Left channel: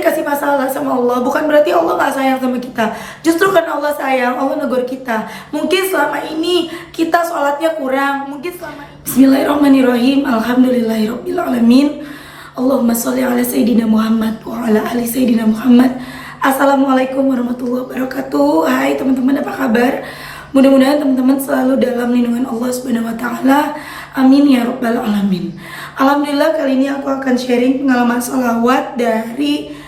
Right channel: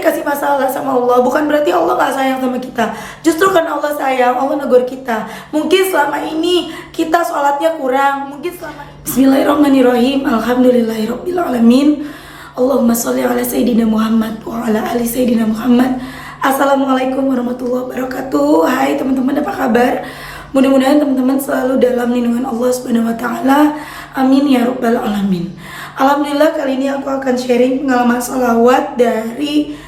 dikasih masalah sama Allah, bukan berarti Allah gak sayang sama kita. Justru karena Allah sayang, Allah negur kita. Mungkin selama ini kita sholatnya kurang. Mungkin selama ini. Bismillahirrahmanirrahim. Alhamdulillahirrahmanirrahim. Allahumma sholli ala Sayyidina Muhammad wa ala ali Sayyidina Muhammad. Assalamualaikum warahmatullahi wabarakatuh. Hai teman-teman, apa kabar? Mudah-mudahan teman-teman selalu dalam lindungan Allah Subhanahu wa taala. Amin ya rabbal alamin. Alhamdulillah, kali ini aku akan sharing pengalaman sholawat dari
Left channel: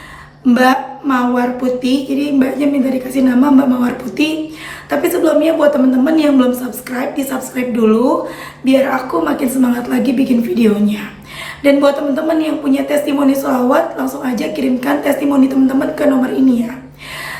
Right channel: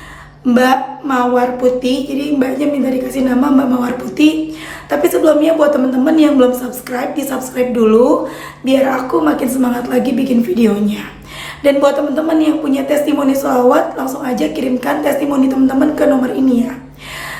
Mbak Mawar Putih. Jadi mbaknya minta dikasih nama Mbak Mawar Putih. Tapi sebelumnya buat teman-teman yang belum subscribe, di subscribe dulu biar aku makin semangat lagi bikin videonya. Dan buat teman-teman yang punya testimoni sholawat, langsung aja kirimkan testimoni teman-teman ke nomor ini ya.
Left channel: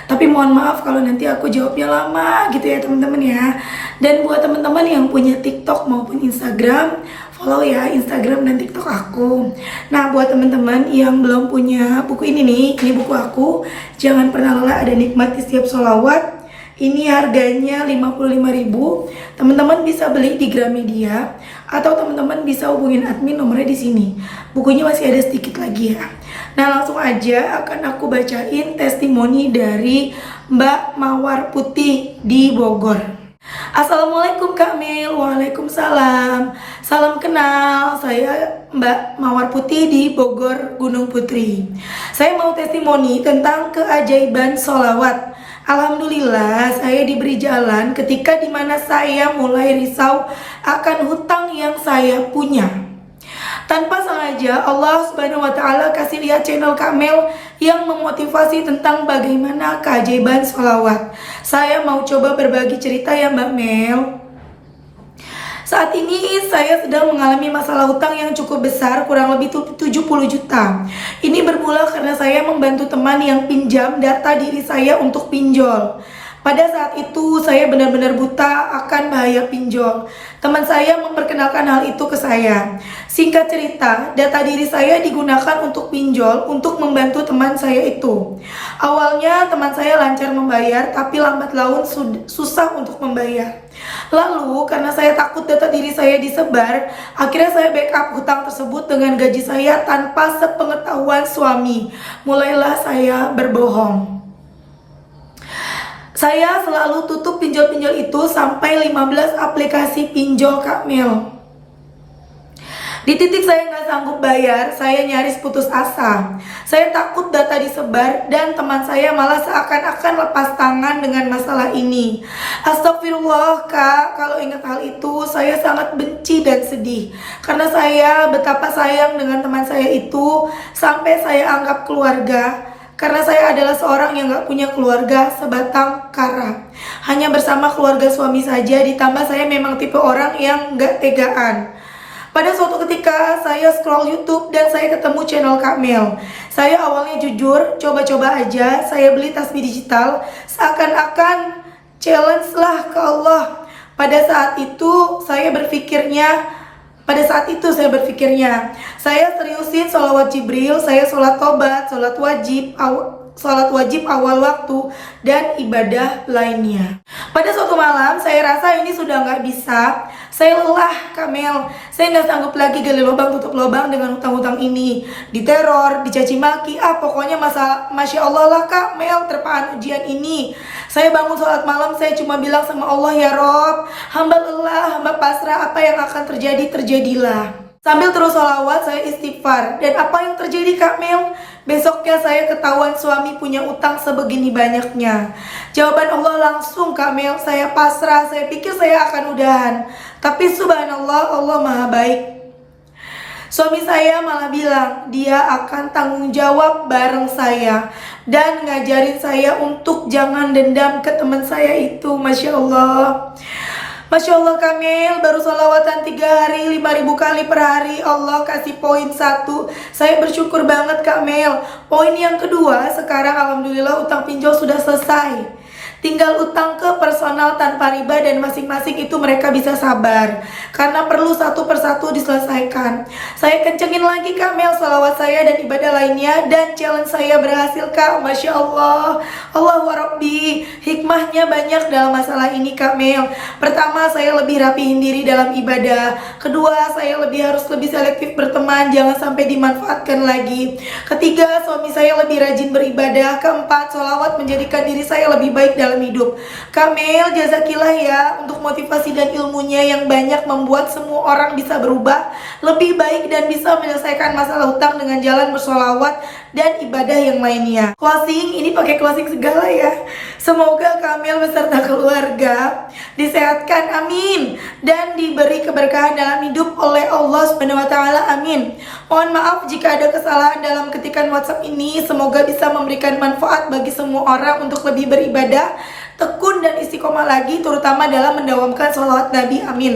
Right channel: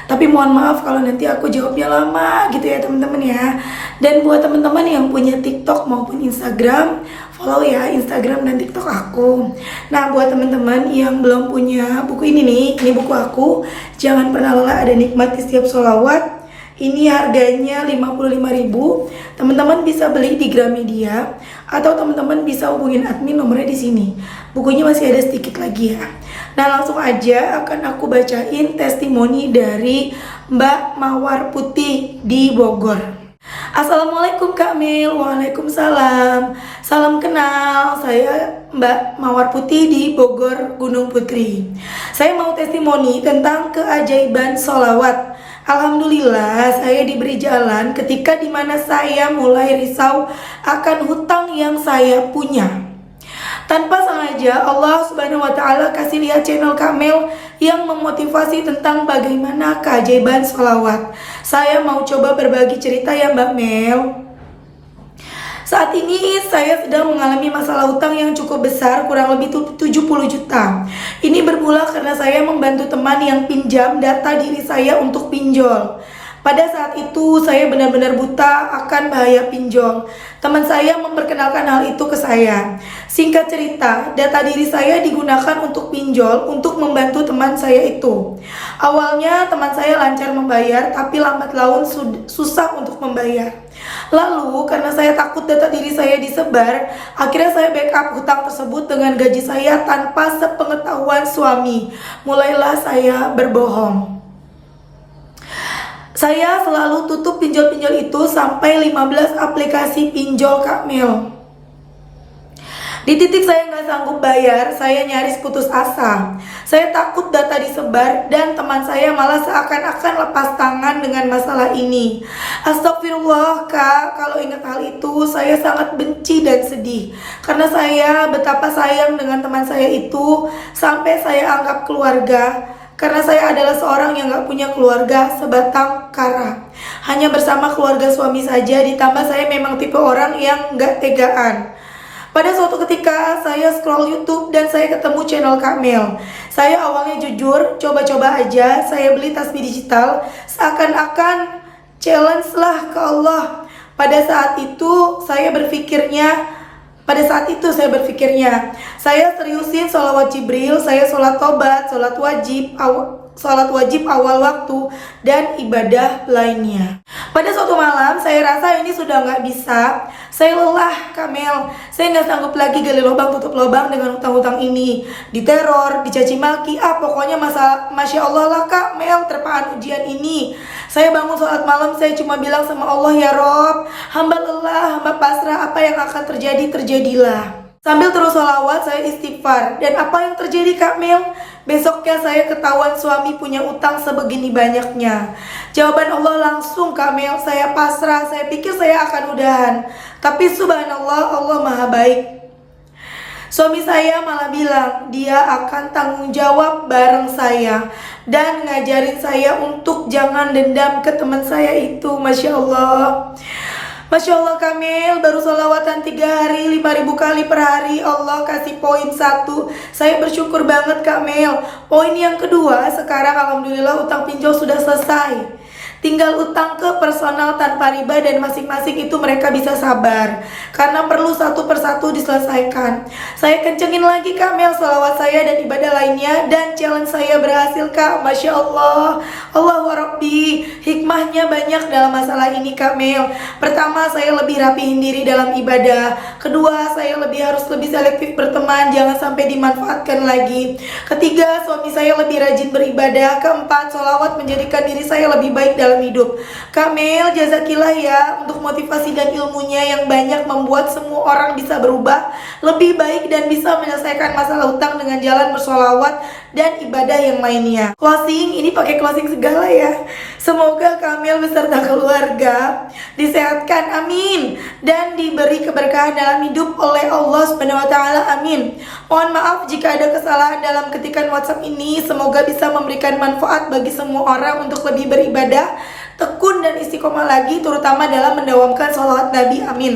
Tapi mohon maaf kalau nanti aku jawabnya lama gitu ya teman-teman ya. Dan buat teman-teman yang punya TikTok maupun Instagram, follow ya Instagram dan TikTok aku. Nah, buat teman-teman yang belum punya buku ini nih, ini buku aku, Jangan Pernah Lelah Ada Nikmat di Setiap Sholawat. Ini harganya 55.000. Teman-teman bisa beli di Gramedia atau teman-teman bisa hubungin admin, nomornya di sini. Bukunya masih ada sedikit lagi ya. Nah, langsung aja akan aku bacain testimoni dari Mbak Mawar Putih di Bogor. Assalamualaikum Kak Mil. Waalaikumsalam. Salam kenal, saya Mbak Mawar Putih di Bogor, Gunung Putri. Saya mau testimoni tentang keajaiban sholawat. Alhamdulillah, saya diberi jalan ketika dimana saya mulai risau akan hutang yang saya punya. Tanpa sengaja Allah Subhanahu wa taala kasih lihat channel Kamel yang memotivasi tentang bagaimana keajaiban sholawat. Saya mau coba berbagi cerita ya Mbak Mel. Saat ini saya sedang mengalami masalah hutang yang cukup besar, kurang lebih 70 juta. Ini bermula karena saya membantu teman yang pinjam data diri saya untuk pinjol. Pada saat itu saya benar-benar buta akan bahaya pinjol. Teman saya memperkenalkan hal itu ke saya. Singkat cerita, data diri saya digunakan untuk pinjol untuk membantu teman saya itu. Awalnya teman saya lancar membayar, tapi lambat laun susah untuk membayar. Lalu karena saya takut data diri saya disebar, akhirnya saya backup hutang tersebut dengan gaji saya tanpa sepengetahuan suami. Mulailah saya berbohong. Saya selalu tutup pinjol-pinjol itu sampai 15 aplikasi pinjol Kak Mil. Di titik saya nggak sanggup bayar, saya nyaris putus asa. Saya takut data disebar dan teman saya malah seakan-akan lepas tangan dengan masalah ini. Astagfirullah Kak, kalau ingat hal itu saya sangat benci dan sedih. Karena saya betapa sayang dengan teman saya itu sampai saya anggap keluarga. Karena saya adalah seorang yang gak punya keluarga sebatang kara. Hanya bersama keluarga suami saja, ditambah saya memang tipe orang yang gak tegaan. Pada suatu ketika saya scroll YouTube dan saya ketemu channel Kak Mel. Saya awalnya jujur, coba-coba aja, saya beli tasbih digital. Seakan-akan challenge lah ke Allah. Pada saat itu saya berpikirnya, saya seriusin sholawat Jibril, saya sholat tobat, sholat wajib awal waktu, dan ibadah lainnya. Pada suatu malam, saya rasa ini sudah nggak bisa. Saya lelah, Kamel. Saya nggak sanggup lagi gali lubang tutup lubang dengan hutang-hutang ini. Diteror, dicaci maki, pokoknya Masya Allah lah Kak Mel, terpaan ujian ini. Saya bangun sholat malam, saya cuma bilang sama Allah, ya Rob, hamba lelah, hamba pasrah, apa yang akan terjadi, terjadilah. Sambil terus sholawat, saya istighfar. Dan apa yang terjadi Kak Mel? Besoknya saya ketahuan suami punya utang sebegini banyaknya. Jawaban Allah langsung Kak Mel, saya pasrah, saya pikir saya akan udahan. Tapi subhanallah, Allah maha baik. Suami saya malah bilang dia akan tanggung jawab bareng saya dan ngajarin saya untuk jangan dendam ke teman saya itu. Masya Allah. Masya Allah Kamil, baru sholawatan 3 hari 5.000 kali per hari, Allah kasih poin 1. Saya bersyukur banget Kamil. Poin yang kedua, sekarang alhamdulillah utang pinjol sudah selesai. tinggal utang ke personal tanpa riba dan masing-masing itu mereka bisa sabar karena perlu satu persatu diselesaikan. Saya kencengin lagi Kamel salawat saya dan ibadah lainnya, dan challenge saya berhasil Kak. Masya Allah, Allahu Rabbi, hikmahnya banyak dalam masalah ini Kamel. Pertama, saya lebih rapihin diri dalam ibadah. Kedua, saya harus lebih selektif berteman, jangan sampai dimanfaatkan lagi. Ketiga, suami saya lebih rajin beribadah. Keempat, sholawat menjadikan diri saya lebih baik dalam hidup. Kamel, jazakillah ya untuk motivasi dan ilmunya yang banyak membuat semua orang bisa berubah lebih baik dan bisa menyelesaikan masalah utang dengan jalan bersolawat dan ibadah yang lainnya. Closing, ini pakai closing segala ya. Semoga Kamel beserta keluarga disehatkan, amin, dan diberi keberkahan dalam hidup oleh Allah Subhanahu wa taala, amin. Mohon maaf jika ada kesalahan dalam ketikan WhatsApp ini. Semoga bisa memberikan manfaat bagi semua orang untuk lebih beribadah, tekun dan istiqomah lagi, terutama dalam mendawamkan sholawat Nabi, amin.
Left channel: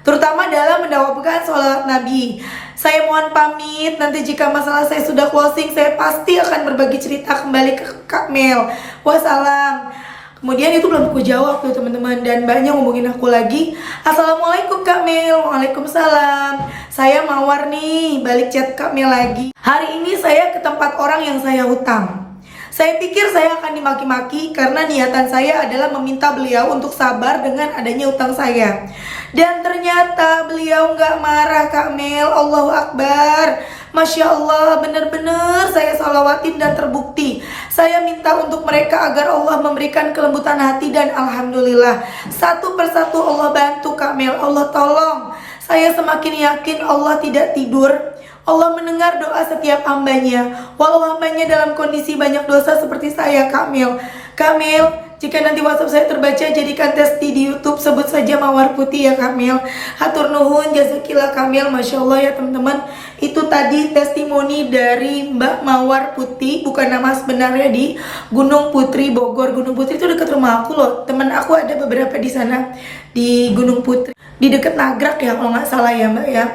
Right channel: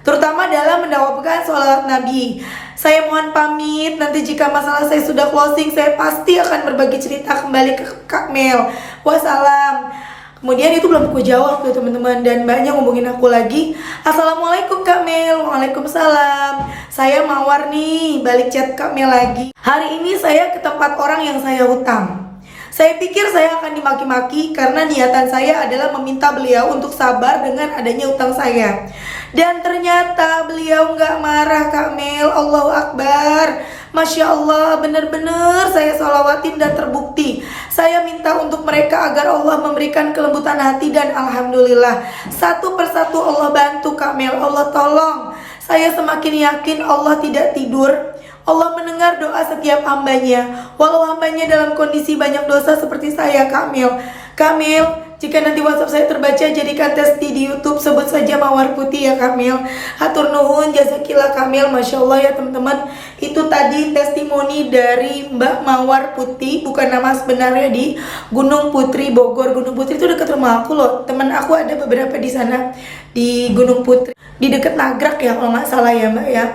Terutama dalam mendawamkan sholawat Nabi. Saya mohon pamit, nanti jika masalah saya sudah closing, saya pasti akan berbagi cerita kembali ke Kak Mel. Wassalam. Kemudian itu belum aku jawab tuh teman-teman, dan banyak ngomongin aku lagi. Assalamualaikum Kak Mel. Waalaikumsalam. Saya Mawar nih, balik chat Kak Mel lagi. Hari ini saya ke tempat orang yang saya hutang. Saya pikir saya akan dimaki-maki karena niatan saya adalah meminta beliau untuk sabar dengan adanya utang saya. Dan ternyata beliau nggak marah Kak Mel. Allahu Akbar. Masya Allah, benar-benar saya salawatin dan terbukti. Saya minta untuk mereka agar Allah memberikan kelembutan hati, dan alhamdulillah satu persatu Allah bantu Kak Mel. Allah tolong. Saya semakin yakin Allah tidak tidur. Allah mendengar doa setiap hambanya, walau hambanya dalam kondisi banyak dosa seperti saya Kak Mel. Kak Mel, jika nanti WhatsApp saya terbaca, jadikan tes di YouTube, sebut saja Mawar Putih ya Kak Mel. Hatur nuhun, jazakillah Kak Mel. Masya Allah ya teman-teman. Itu tadi testimoni dari Mbak Mawar Putih, bukan nama sebenarnya, di Gunung Putri Bogor. Gunung Putri itu dekat rumah aku loh. Teman aku ada beberapa di sana, di Gunung Putri, di dekat Nagrak ya kalau nggak salah ya Mbak ya.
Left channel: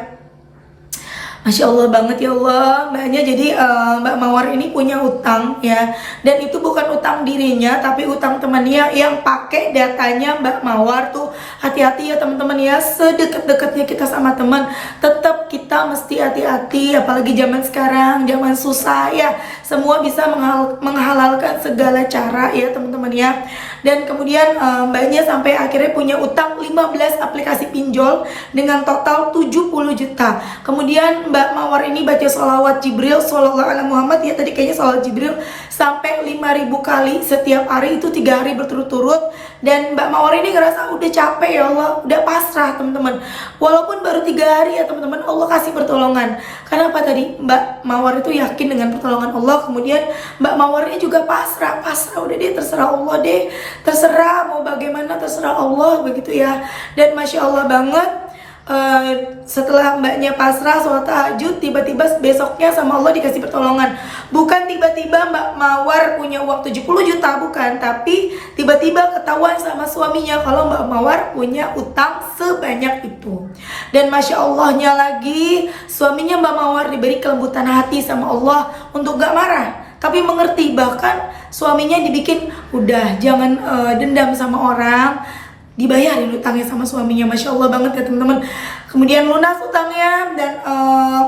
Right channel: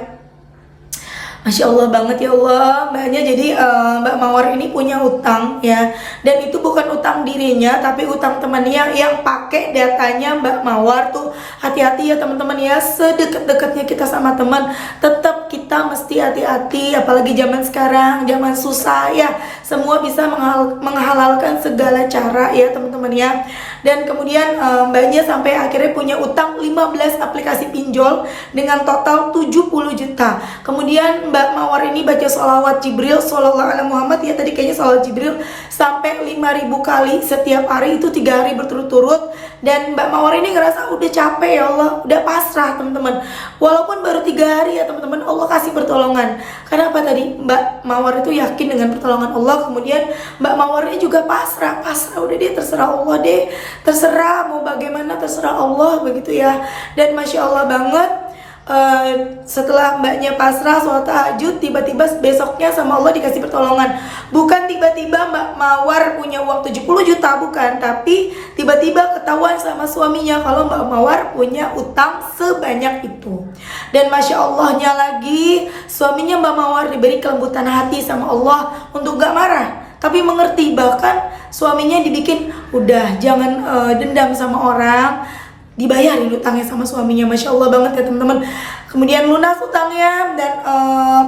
Masya Allah banget ya Allah mbaknya. Jadi Mbak Mawar ini punya utang ya, dan itu bukan utang dirinya tapi utang temannya yang pakai datanya Mbak Mawar tuh. Hati-hati ya teman-teman ya, sedekat-dekatnya kita sama teman, tetap kita mesti hati-hati. Apalagi zaman sekarang, zaman susah ya, semua bisa menghalalkan segala cara ya teman-teman ya. Dan kemudian mbaknya sampai akhirnya punya utang 15 aplikasi pinjol dengan total 70 juta. Kemudian Mbak Mawar ini baca sholawat Jibril Sallallahu Alaihi Muhammad ya, tadi kayaknya sholawat Jibril sampai 5.000 kali setiap hari, itu 3 hari berturut-turut. Dan Mbak Mawar ini ngerasa udah capek ya Allah, udah pasrah teman-teman. Walaupun baru 3 hari ya teman-teman, Allah kasih pertolongan. Karena apa tadi, Mbak Mawar itu yakin dengan pertolongan Allah. Kemudian Mbak Mawar ini juga pasrah, udah deh, terserah Allah deh, terserah mau bagaimana, terserah Allah begitu ya. Dan Masya Allah banget. Setelah mbaknya pasrah sholat tahajud, tiba-tiba besoknya sama Allah dikasih pertolongan. Bukan tiba-tiba Mbak Mawar punya uang 70 juta, bukan, tapi tiba-tiba ketahuan sama suaminya kalau Mbak Mawar punya utang sebanyak itu. Dan Masya Allahnya lagi, suaminya Mbak Mawar diberi kelembutan hati sama Allah untuk gak marah, tapi mengerti. Bahkan suaminya dibikin, udah jangan dendam sama orang, dibayarin utangnya sama suaminya. Masya Allah banget ya teman-teman. Kemudian lunas utangnya, dan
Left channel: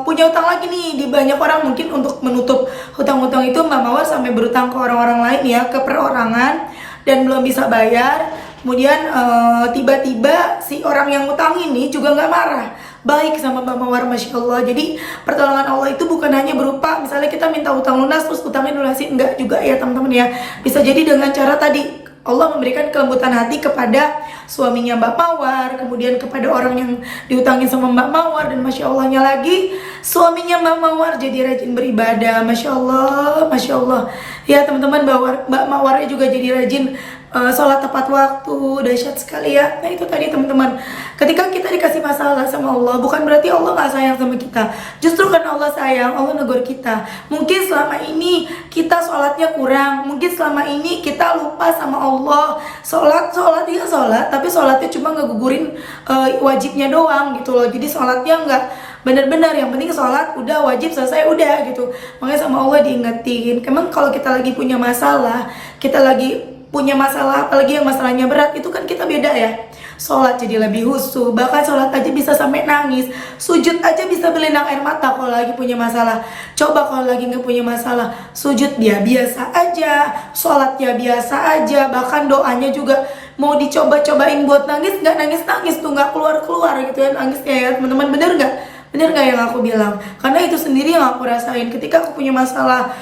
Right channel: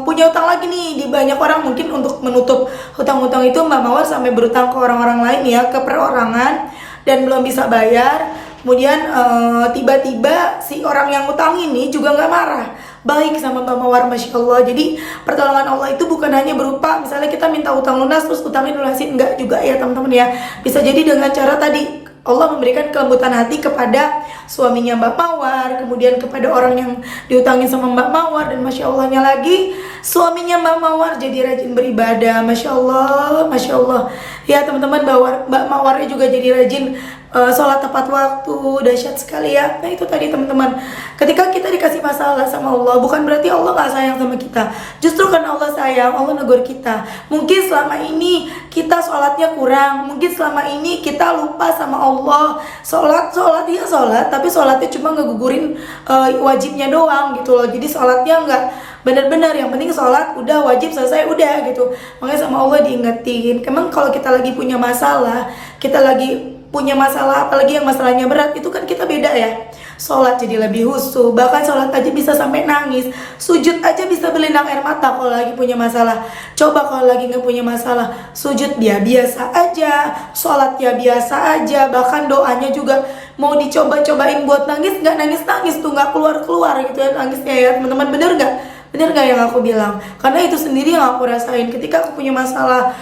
punya utang lagi nih di banyak orang. Mungkin untuk menutup hutang-hutang itu Mbak Mawar sampai berutang ke orang-orang lain ya, ke perorangan, dan belum bisa bayar. Kemudian tiba-tiba si orang yang utang ini juga nggak marah, baik sama Mbak Mawar. Masya Allah. Jadi pertolongan Allah itu bukan hanya berupa misalnya kita minta utang lunas terus utangnya lunasin, enggak juga ya teman-teman ya. Bisa jadi dengan cara tadi Allah memberikan kelembutan hati kepada suaminya Mbak Mawar, kemudian kepada orang yang diutangin sama Mbak Mawar. Dan Masya Allahnya lagi, suaminya Mbak Mawar jadi rajin beribadah. Masya Allah, Masya Allah ya teman-teman. Mbak Mawarnya juga jadi rajin sholat tepat waktu. Dahsyat sekali ya. Nah itu tadi teman-teman, ketika kita dikasih masalah sama Allah, bukan berarti Allah gak sayang sama kita. Justru karena Allah sayang, Allah negur kita. Mungkin selama ini kita sholatnya kurang, mungkin selama ini kita lupa sama Allah. Sholat ya sholat, tapi sholatnya cuma ngegugurin wajibnya doang gitu loh. Jadi sholatnya nggak benar-benar, yang penting sholat udah wajib selesai udah gitu. Makanya sama Allah diingetin, emang kalau kita lagi punya masalah, kita lagi punya masalah, apalagi yang masalahnya berat, itu kan kita beda ya. Sholat jadi lebih husu, bahkan sholat aja bisa sampai nangis, sujud aja bisa berlinang air mata kalau lagi punya masalah. Coba kalau lagi nggak punya masalah, sujud dia biasa aja, sholat ya biasa aja, bahkan doanya juga mau dicoba-cobain buat nangis, nggak nangis-nangis tuh, nggak keluar-keluar gitu ya nangisnya ya teman-teman. Bener nggak? Bener gak yang aku bilang? Karena itu sendiri yang aku rasain. Ketika aku punya masalah,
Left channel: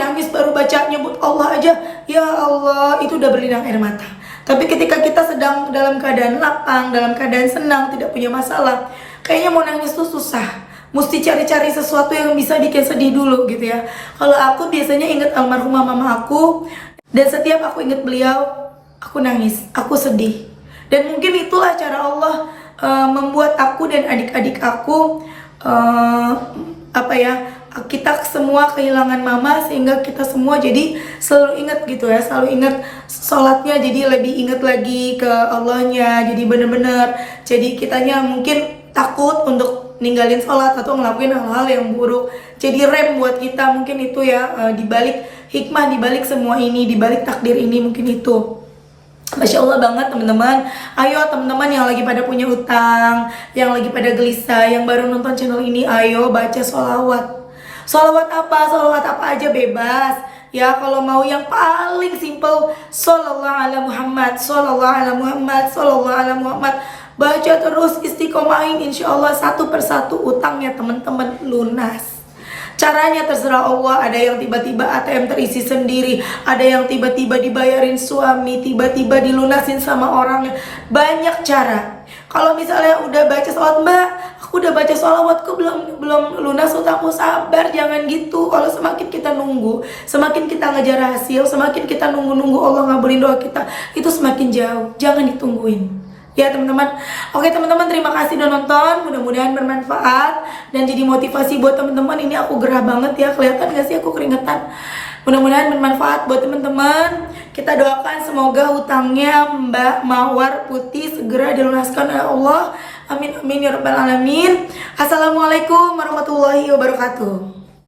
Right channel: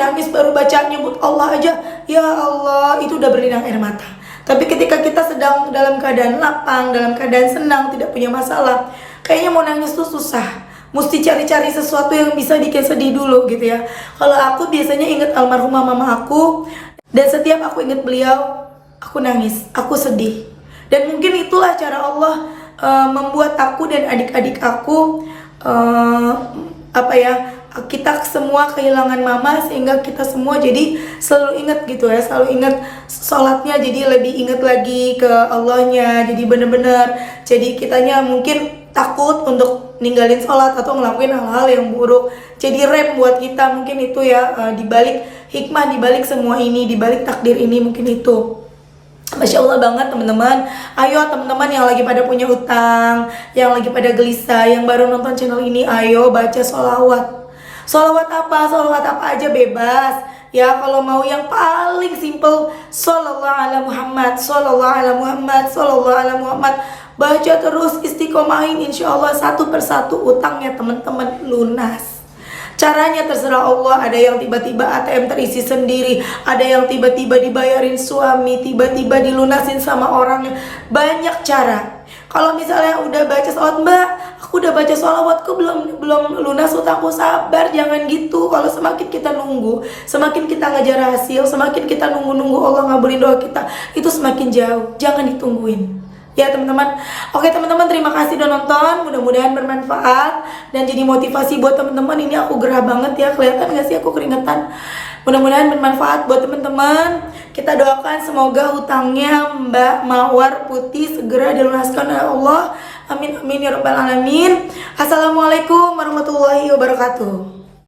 nangis baru baca nyebut Allah aja, ya Allah, itu udah berlinang air mata. Tapi ketika kita sedang dalam keadaan lapang, dalam keadaan senang, tidak punya masalah, kayaknya mau nangis tuh susah. Mesti cari-cari sesuatu yang bisa bikin sedih dulu gitu ya. Kalau aku biasanya inget almarhumah mama aku, dan setiap aku inget beliau, aku nangis, aku sedih. Dan mungkin itulah cara Allah membuat aku dan adik-adik aku kita semua kehilangan mama, sehingga kita semua jadi selalu ingat gitu ya, selalu ingat sholatnya, jadi lebih ingat lagi ke Allahnya. Jadi bener-bener, jadi kitanya mungkin takut untuk ninggalin sholat atau ngelakuin hal-hal yang buruk. Jadi rem buat kita mungkin itu ya, dibalik hikmah, dibalik semua ini, dibalik takdir ini mungkin itu. Masya Allah banget teman-teman. Ayo teman-teman yang lagi pada punya utang, yang lagi pada gelisah, yang baru nonton channel ini, ayo baca sholawat. Sholawat apa aja bebas. Ya kalau mau yang paling simple, Shollallahu ala Muhammad, Shollallahu ala Muhammad, Shollallahu ala Muhammad. Baca terus, istiqomahin, insya Allah satu persatu utangnya teman-teman lunas. Caranya terserah Allah. Ada yang tiba-tiba ATM terisi sendiri, ada yang tiba-tiba dibayarin suami, tiba-tiba dilunasin sama orangnya. Banyak cara. Kalau misalnya udah baca sholawat, Mbak, aku udah baca sholawat kok belum lunas utangku, sabar, jangan gitu. Kalau semakin kita nunggu, semakin kita ngejar hasil, semakin kita nunggu Allah ngabulin doa kita, itu semakin jauh. Jangan ditungguin. Ya teman-teman. Oke teman-teman, terima kasih udah nonton. Mudah-mudahan bermanfaat dan jadi motivasi buat teman-teman. Ini aku gerah banget ya, kelihatan gak sih aku keringetan. Mudah-mudahan bermanfaat buat teman-teman. Kita doakan semoga hutangnya Mbak Mawar Putih segera dilunaskan oleh Allah. Amin amin ya rabbal alamin. Assalamualaikum warahmatullahi wabarakatuh.